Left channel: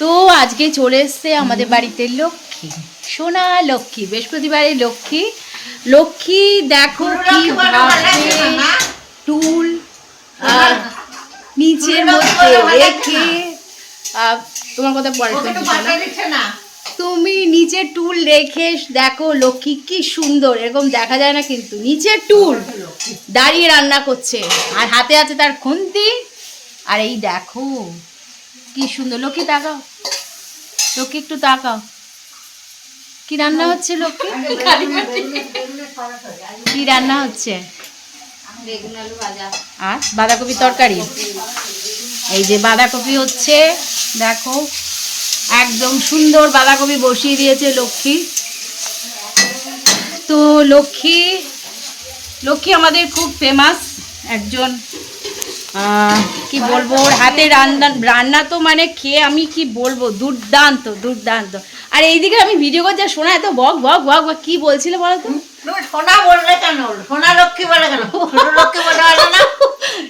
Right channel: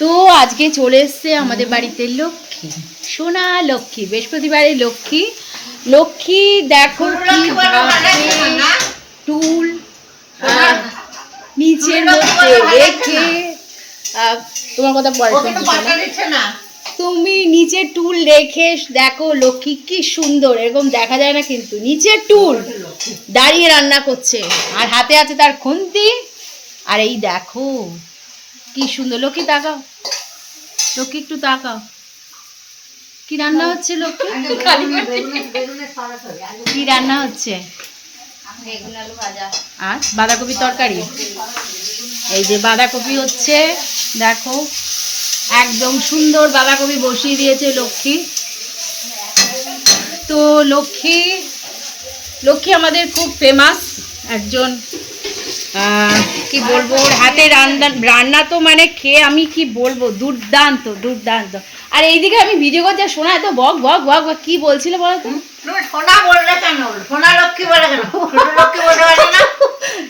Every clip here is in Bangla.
তো আজকে চলে এসছে আমাদের বাড়িতে লক্ষ্মী। সোনা লক্ষ্মী বৃহস্পতিবারে লক্ষ্মী। লক্ষ্মী দেখো কি টুল আর নিচের মধ্যে রেখে তোমার কথা না। তুমি নিচে টুল রেখে দেখো লক্ষ্মী কি সুন্দর এরকম দেখা যায় না কিন্তু। নিচে টুল দাঁড়িয়ে রান্না করছে। আর হাতে আছে তার খুন্তি। আর এই দেখো কি সুন্দর। লক্ষ্মী তাকাও। লক্ষ্মী একটু তাকাও। কি রান্না হচ্ছে লক্ষ্মী? কি রান্না হচ্ছে? আর বাঁধাকপি তরকারি? এই যে বাঁধাকপি হচ্ছে দেখো একদম সুন্দর বাঁধাকপি বসিয়ে দিয়েছে লক্ষ্মী। তো লক্ষ্মী লক্ষ্মী আমাদের খুব ফেমাস একজন কি বলব ওর হাতে রান্না রান্না তো মানে খেয়ে আমি কি বলব দুর্দান্ত দুর্দান্ত। আর এইদিকে আমি ভিডিও করছি শোনা এত বক বক বক বক কি বলছিল বলো তো?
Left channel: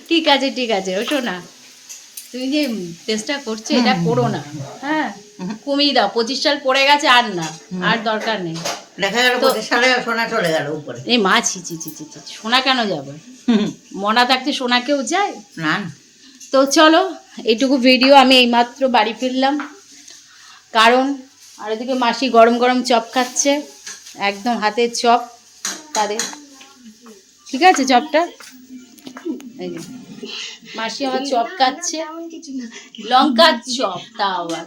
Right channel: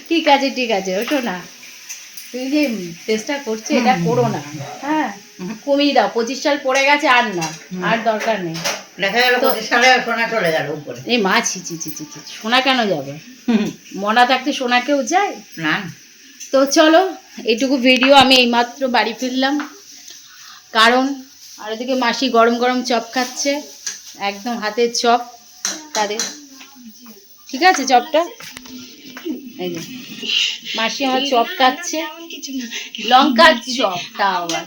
ঠিক আছে ঠিক আছে ও শোনা তুমি যে চেষ্টা করছ এটা করো না। হ্যাঁ কমিয়ে দাও পঁচিশ সাল পড়ে গেছে আর না আর দরকার নেই। দেখা গেল পঁচিশ সালে সোনা চলে গেল উপরে। এই মা ছি ছি ছি ছি ছি সোনা কেন যাবে? মনা থাকতে সোনা কেউ যায় না তো চলো এইটুকু ভিডিও আমি এইমাত্র বাড়ি ফিরলাম। কারণ আর ওদিকে মাসি গরম গরম চপ খাচ্ছে একদম হাতের চপ তাদের। ঠিক আছে চপটা? এই যে মাসি আমার চপ খাচ্ছে। লঙ্কার চপ তা আবার।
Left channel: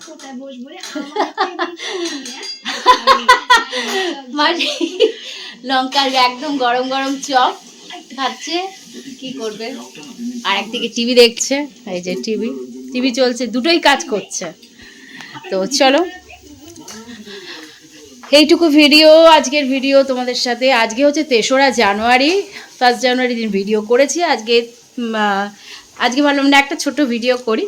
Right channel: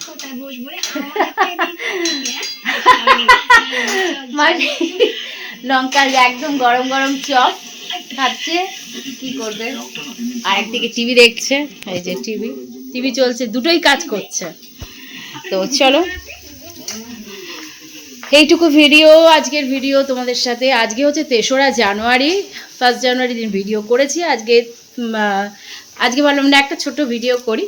মাসি লঙ্কার একদম গরম গরম চপ। খাচ্ছে কি করবে? আর একদিকে টিভি দেখছে এই যে টিভি। টিভি চলছে দুটোই কাজ করছে। তো চলো। এইটুকু ভিডিও আজকের ভিডিও তোমাদের সাথে। আজকে হচ্ছে তেসরা জানুয়ারি ফার্স্ট জানুয়ারি দিন ভিডিও করেছি। আজকে আজকে ভাবলাম না একটা ছোট ভিডিও করি।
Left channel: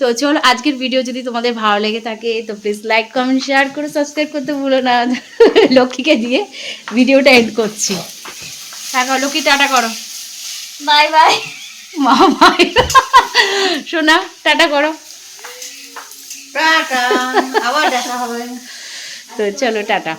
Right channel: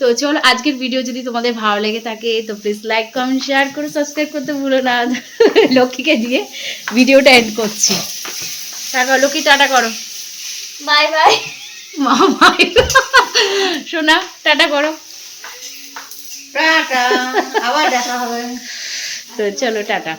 তো চলো আজকের ভিডিও যদি তোমাদের ভালো লেগে থাকে তো প্লিজ লাইক কমেন্ট শেয়ার করে সাবস্ক্রাইব করতে ভুলো না। লক্ষ্মীকে দিয়ে ভিডিওটা এন্ড করছি। টাকা লক্ষ্মী টাটা করো। বাই বাই মা মাই শোনা টাটা করো। টাটা আবার দেখা হবে। তো চলো টাটা।